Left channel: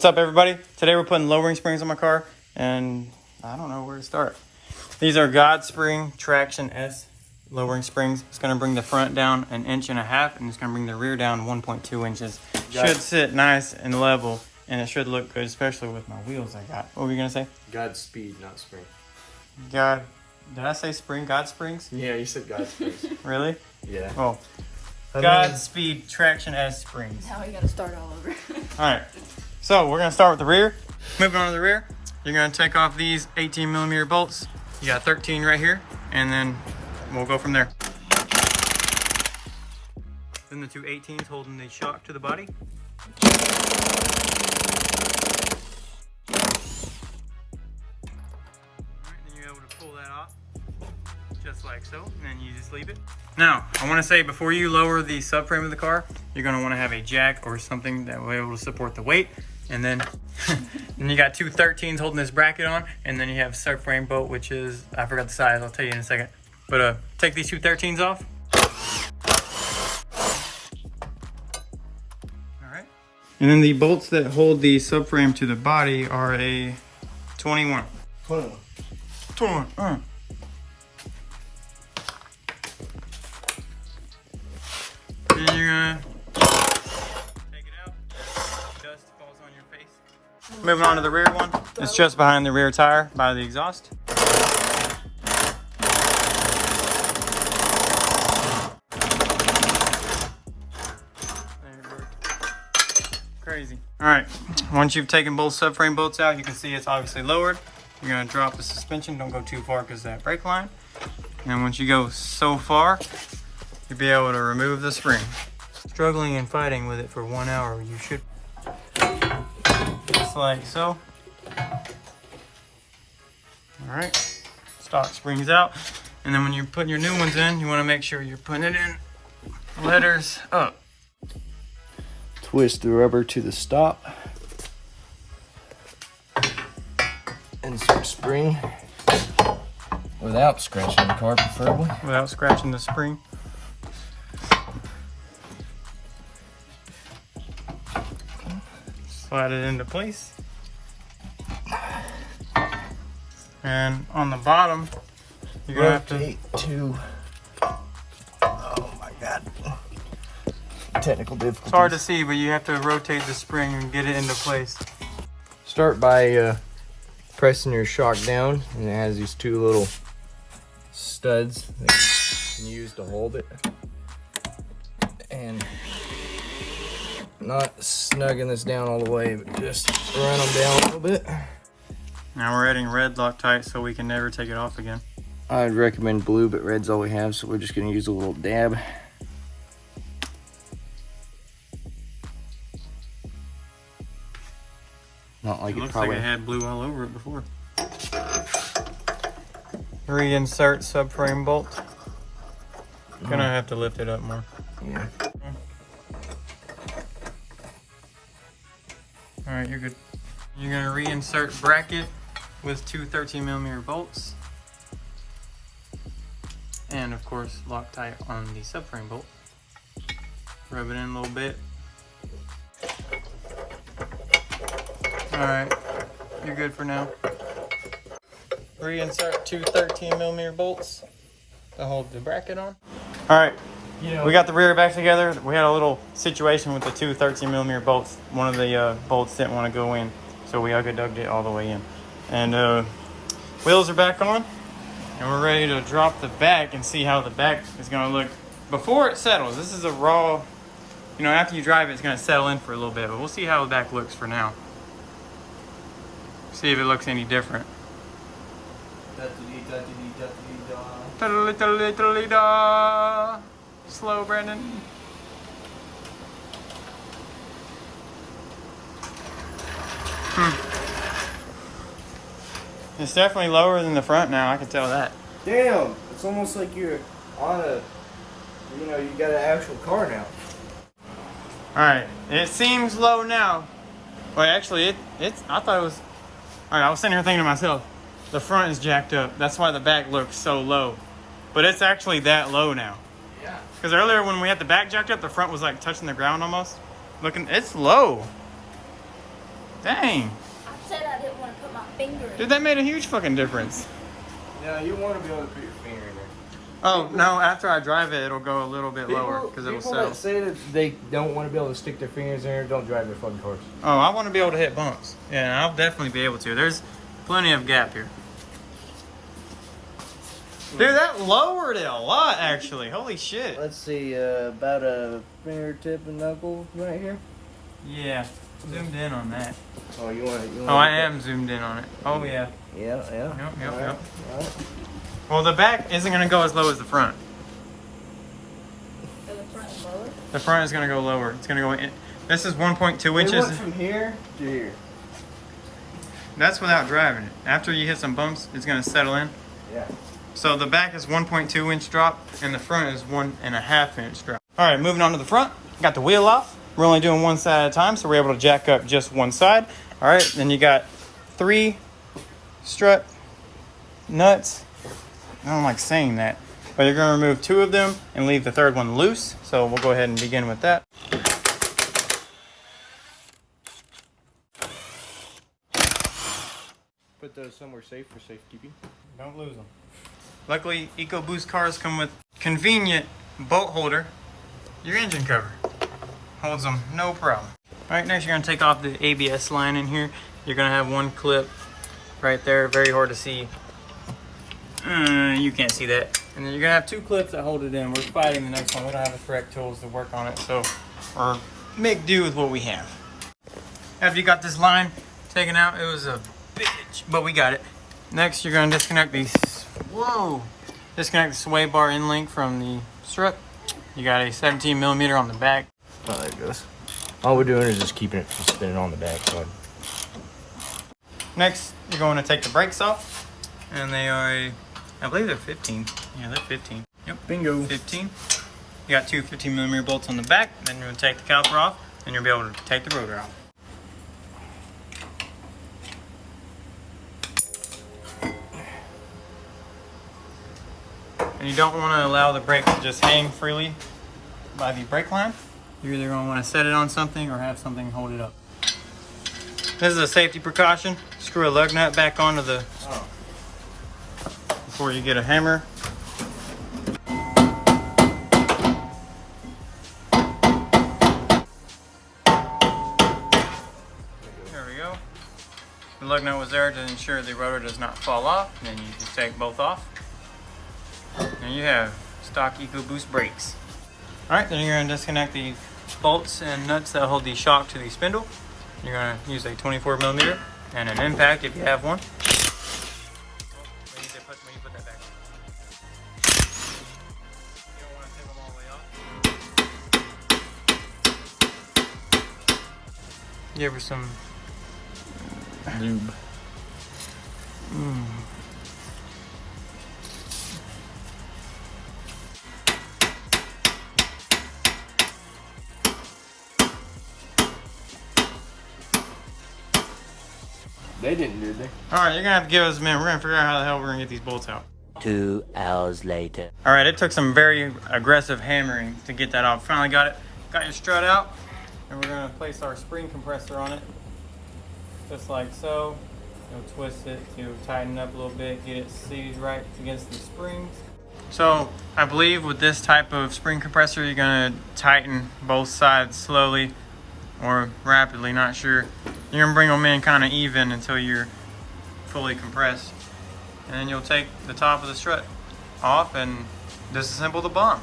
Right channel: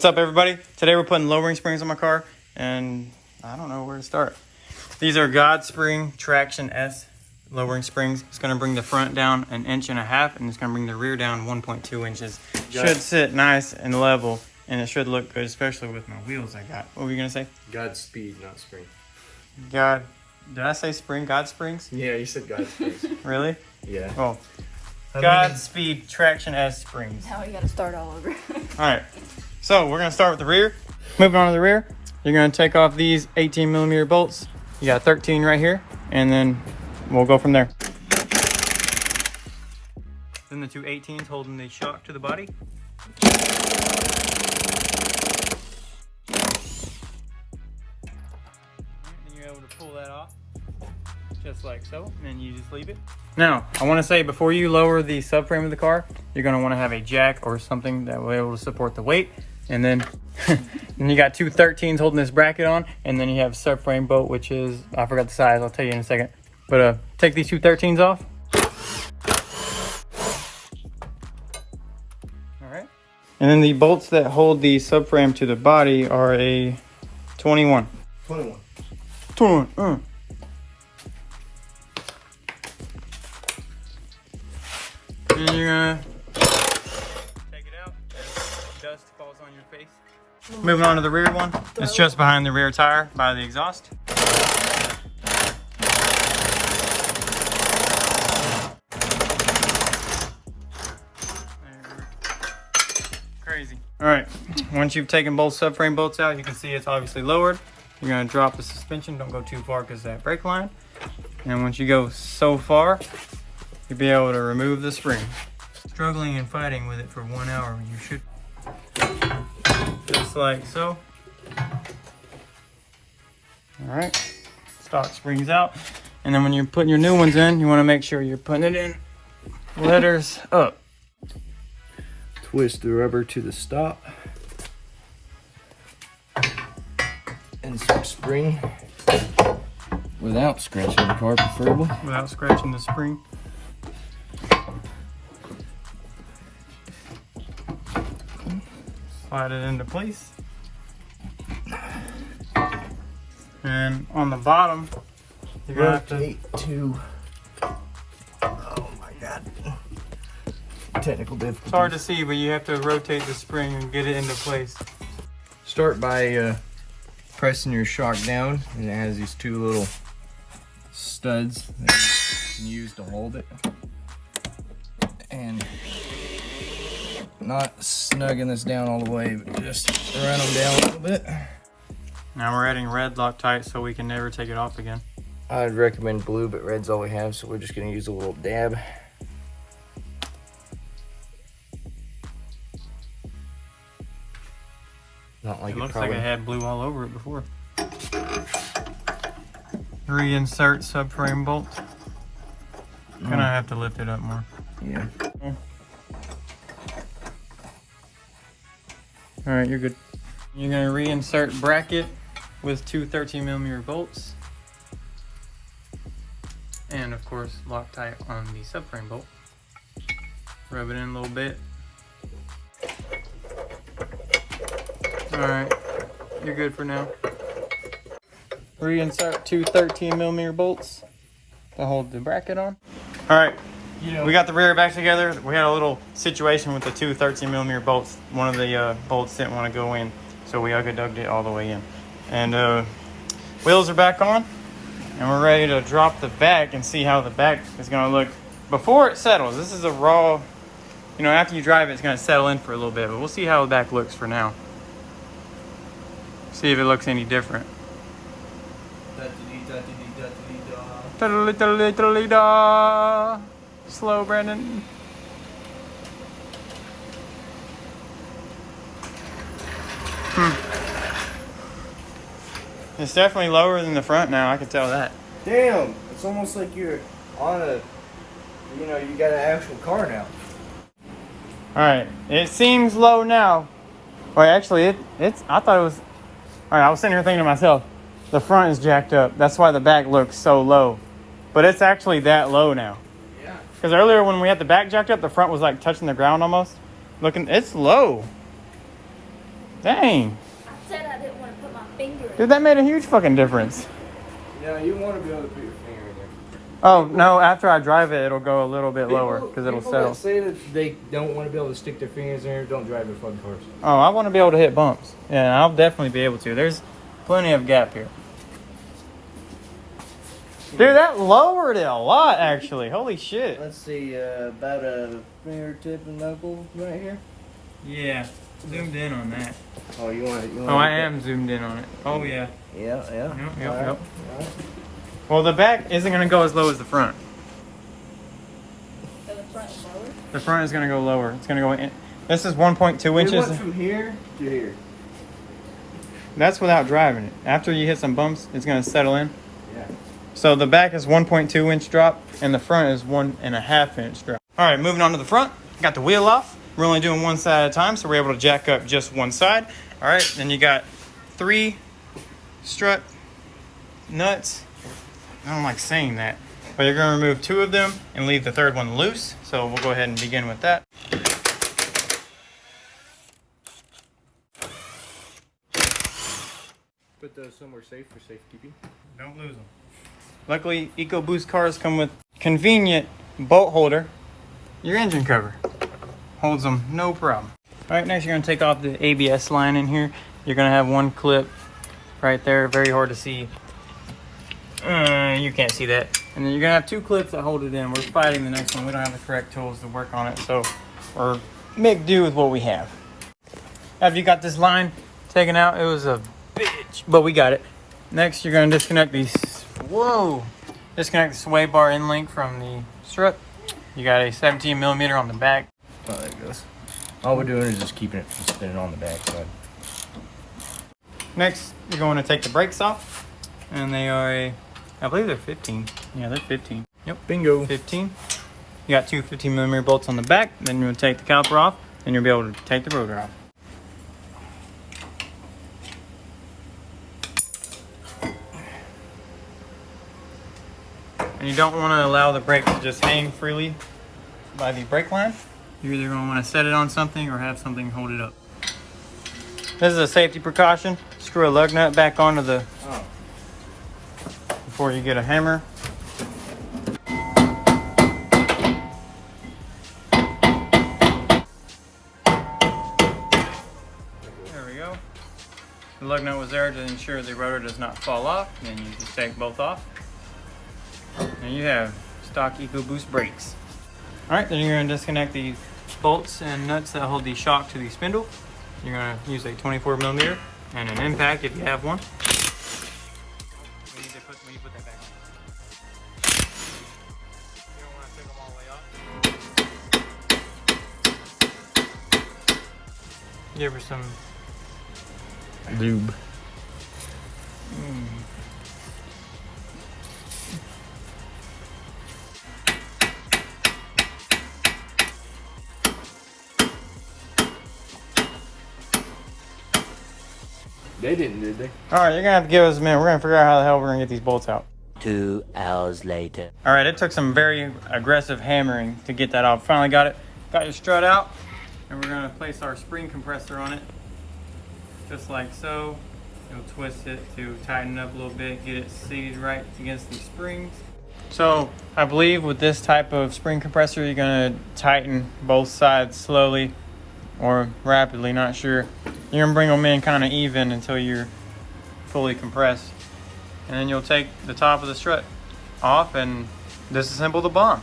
What's up, everybody? Today we're putting lowering springs on my car, and I don't know where to start. These are Godspeed Traction S lowering springs. It's going to bring the front down 1.5 inches, and it's going to bring the rear down 1.2 inches. Should sit nice and level, and it should look good, especially with my wheels I got. What were you going to say? Godspeed, not spring. God, did I say spring? God springs? Yeah, you said Godspeed. Really? Yeah. Oh, Godspeed Traction S springs. Now we got to start all over. All right, so we're gonna start with the rear. Moving on to the rear, you're gonna take off these 18mm bolts. You got 13 right here, and then we'll go from there. Then the two 18s holding the shock to the body. All right, then you're able to pull that off, just like so, and then you just leave it. Now, I want to say before you lower the subframe of the car, you're going to want to have a jack or something that will be able to support the weight. And then and you got two 13s holding this bracket on, and then you have subframe bolt, which is, I forgot the size, I'll tell you in a second. But take these two 13s off. All right. And then the bolts that hold the subframe to the body are a 21. 21. And you're gonna take it out. Dust falls on your face. Moving on to the rear one. It's just behind the rear tire by the exhaust. Crazy. All right, once you've taken both subframe bolts out, you can see it's obviously lowered. You're gonna drop the suspension. Don't go too far because of that brake line. And once you go so far, you'll be able to remove the spring. Struggling and fighting with it for 1 hour, you should, just like so. All right, stock springs out. And then when you're putting your new ones in, you wanna make sure you're putting it in letters up. Twist the rubber to the stop. Insert spring without scratching the car, preferably. Without scratching the spring. Slide it into place. And on the bottom, you're gonna have to rotate to. Oh my god. Technical difficulties. It's hard to see, but you have to rotate the spring and get it into place. Start by pressing your shock down, and it has these two little studs that you can use to hold it. And not snugging this down all the way, but just run them down a little bit. Now we're adding red Loctite so we can never take it off again. I would recommend blue, but red's all we have, so we're just gonna use a little dab. Not like it looks like it had blue all over it before. Reinsert subframe bolt. Gonna have to lift it up more. Yeah. All right, you're good. You're gonna reinsert bracket with two 13mm bolts. And of course, Loctite on the subframe bolt. Rub it in a little bit. All right, you're good for now. Reinsert two 13mm bolts to hold the bracket on. All right, we got the rear back together. We had a little situation with the two 13mm bolts. One of the bolts didn't want to go in, so we ugga-dugged it all the way in. And wheels are back on, and we're ready to drop the back and see how the back is gonna look before it settles. This is a raw, you know, after you drive it, it's gonna settle in for a little bit, but we'll see how the back looks for now. See if it looks any different. Slow, Brandon. It's definitely lower than the front now, I can tell that. Damn, it's almost like you're on a, you know, you got an actual car now. Alright, it seems low now. Wait, actually, it's, I thought it was, alright, I was sitting here thinking to myself, the front is jacked up. That's why the back looks so low. But it's actually that low now. Yeah. Because earlier when we had the back jacked up, the front was like touching the ground almost. Looking, it's low. Dang. Said I didn't want to put my finger in. Dude, that made a huge fucking difference. Yeah, you want to be able to put your finger in there. Oh, no, after I drive it, it'll go a little bit lower because it'll settle. That say that they don't want to be able to stick their fingers in there, don't drive their fucking cars. Oh, I want to be able to hit bumps. Yeah, I'll definitely be able to. There's plenty of gap here. Dude, that lowered it a lot, actually. Holy shit. Let's see, about a fingertip and knuckle right here. Yeah, zoomed in on that. Oh, you want to? Oh, I am zoomed in on it. Oh, yeah. Yeah. Yep. All right. Well, the back isn't going to go as low as the front. So the front is lower? The front is going to go lower. It's going to go in. This is 1.2 We inches. went from here to here. That's without driving it. After you hit some bumps, it's going to settle in. Yeah. So the back is 1.2 inch drop and the front is 1.5 inch drop. All right, moving on to the front. Got the wheel off. We're only doing one side at a time, so we're able to jack up just one side. All right, then you got 3 strut nuts. I don't like saying that, but you're gonna remove 2 of them and leave the 3rd one loose. So we'll go ahead and begin with that. Put those somewhere safe for safekeeping. Don't lose them. Luckily, Ecoboost cars come with convenient bolt holder. Your engine cover holds them, no problem. All right, next you're gonna take off the ABS line in here. You're gonna have one clip right there, very hard to see. You can't see that. And then you're gonna have 2 clips that hold it in. We're fighting the next one. We don't have the correct tools to work on it, so we're make do with what we have. After you got this line taken out, it was a bitch, but we got it. Next, you're gonna disconnect these. Whoa! Disconnect the sway bar end link from the strut. You got a 17 millimeter on the back. Oh, there it goes. All we're doing is just keeping it from spinning on the back side. Next, you're going to take the brakes off, and they are I believe they're 15. Yeah, they're 15. Yep. Bingo. 15. You got 2 15 millimeter bolts on the back. Then you'll take the caliper off, and you'll be able to take the rotor off. And you don't want to allow the brakes to just hang freely by the brake line. You're either going to want to set it on something or have something hold it up. This is a safety precaution. Screw a lug nut back onto the before you get a hammer. There we go. The lug nut was there to ensure the rotor does not fall off. Then you just take both off. And you have stock Ecoboost brakes. Alright, then you're going to disconnect the bolts and nuts that hold the shock to the spindle. You're going to use a 24 millimeter and an impact if you have one. When you put that back on. You don't want to take them all the way off. Give her some lube. They didn't, did they? Alright, you're gonna have to give us a minute. We're gonna figure out how the hell we're gonna get these bolts out. 2 hours later. Alright, it took some very aggressive hammering to get that off. Finally got it. Got your strut out, and we're gonna place our spring compressor on it. Just like so. You'll twist it to tighten up a little bit, get it seated right against the springs. So I believe with this type of spring compressor, you're gonna tighten both sides slowly or rapidly, not sure. You're gonna bring them in kind of even until you're fully compressed. And then you'll take the top of the strut off and disassemble the bomb.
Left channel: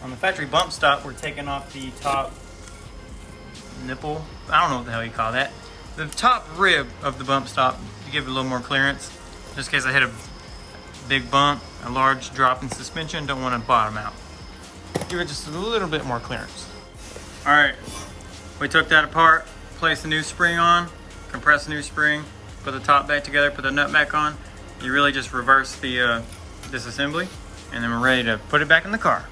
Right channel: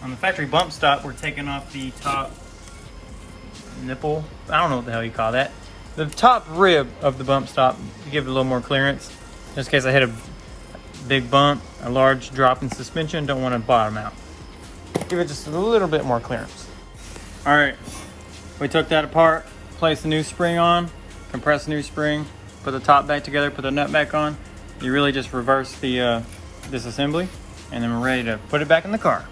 On the factory bump stop, we're taking off the top nipple. I don't know what the hell you call that. The top rib of the bump stop to give it a little more clearance. In this case, I hit a big bump, a large drop in suspension. Don't want to bottom out. Give it just a little bit more clearance. All right, we took that apart, placed the new spring on, compressed the new spring, put the top back together, put the nut back on. You really just reverse the disassembly, and then we're ready to put it back in the car.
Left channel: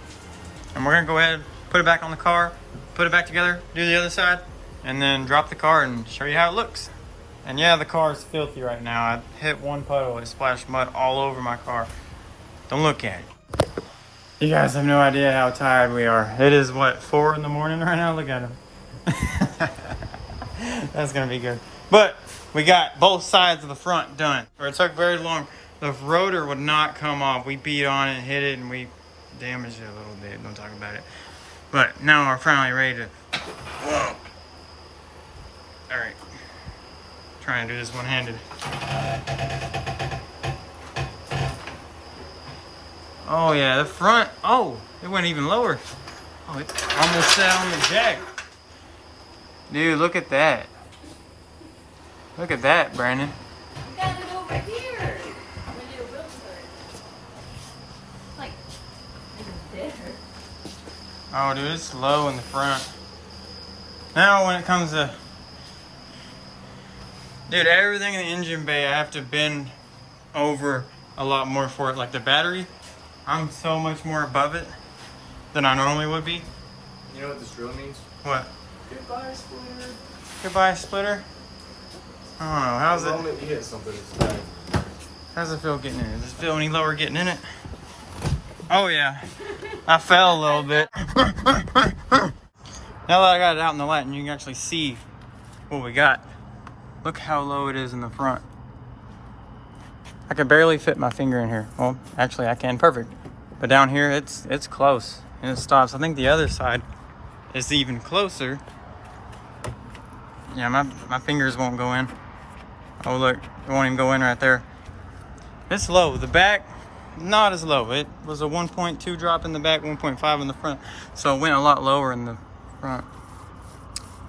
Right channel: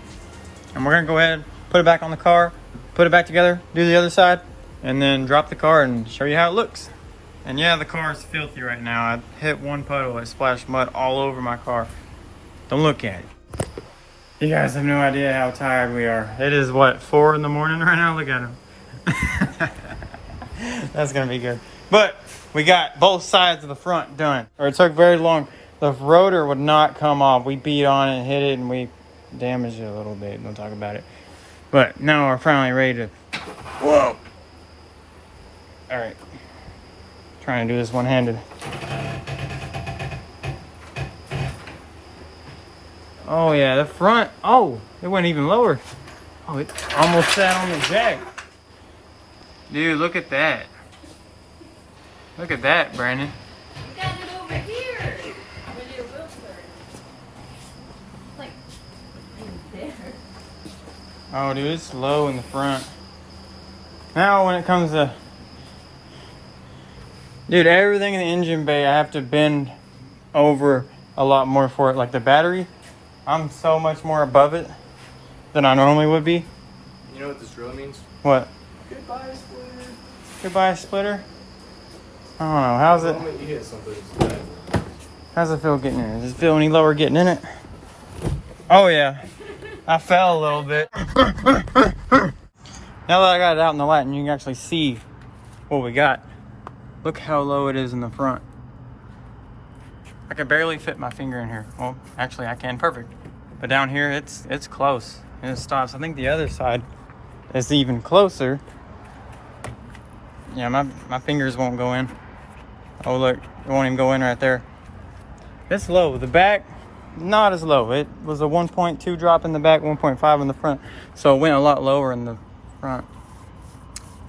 And we're gonna go ahead, put it back on the car, put it back together, do the other side, and then drop the car and show you how it looks. And yeah, the car is filthy right now. I hit one puddle, it splashed mud all over my car. Don't look at it. You guys have no idea how tired we are. It is what, 4 in the morning right now? Look at him. That's gonna be good. But we got both sides of the front done. Or it took very long. The rotor would not come off. We beat on it, hit it, and we damaged it a little bit. Don't talk about it. But now we're finally ready to. Whoa. All right. Trying to do this one-handed. Oh yeah, the front. Oh, it went even lower. Oh, it almost sat on the jack. Dude, look at that. Look at that, Brandon. You got it over here. When your wheels turn. Like, there. Oh, dude, it's low in the front. Now, when it comes to... Dude, everything in the engine bay, I have to bend over a lot more for it. Like the battery, I'm so much more above it than I normally would be. You know what this really means? What? Goodbye, splitter. Goodbye, splitter. I don't know. How's it? You hit something that's bad. How's it feel getting in it? Does it feel any lower getting in it? Oh yeah, I fell a little bit. Now that I got it out in the light and you can actually see what we got. Look how low it is in the front. I can barely fit my finger in here. Well, actually I can, perfect. But down here, it's close and it stops. I think the other side is even closer. Yeah, my fingers won't go in. Oh look, it won't even go in right there. It's low. The back, not as low. It was a 1.2 drop in the back, 1.5 in the front. So it went a lot lower in the front.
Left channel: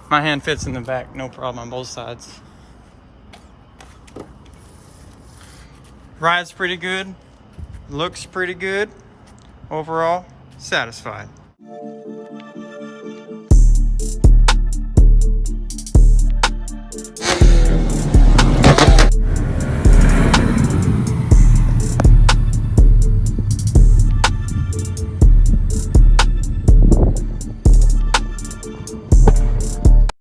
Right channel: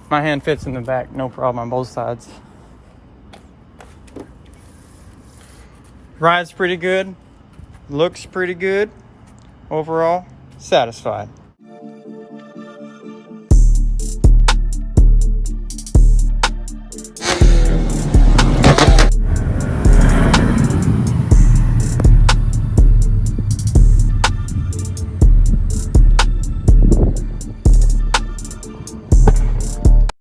My hand fits in the back, no problem on both sides. Rides pretty good. Looks pretty good. Overall, satisfied.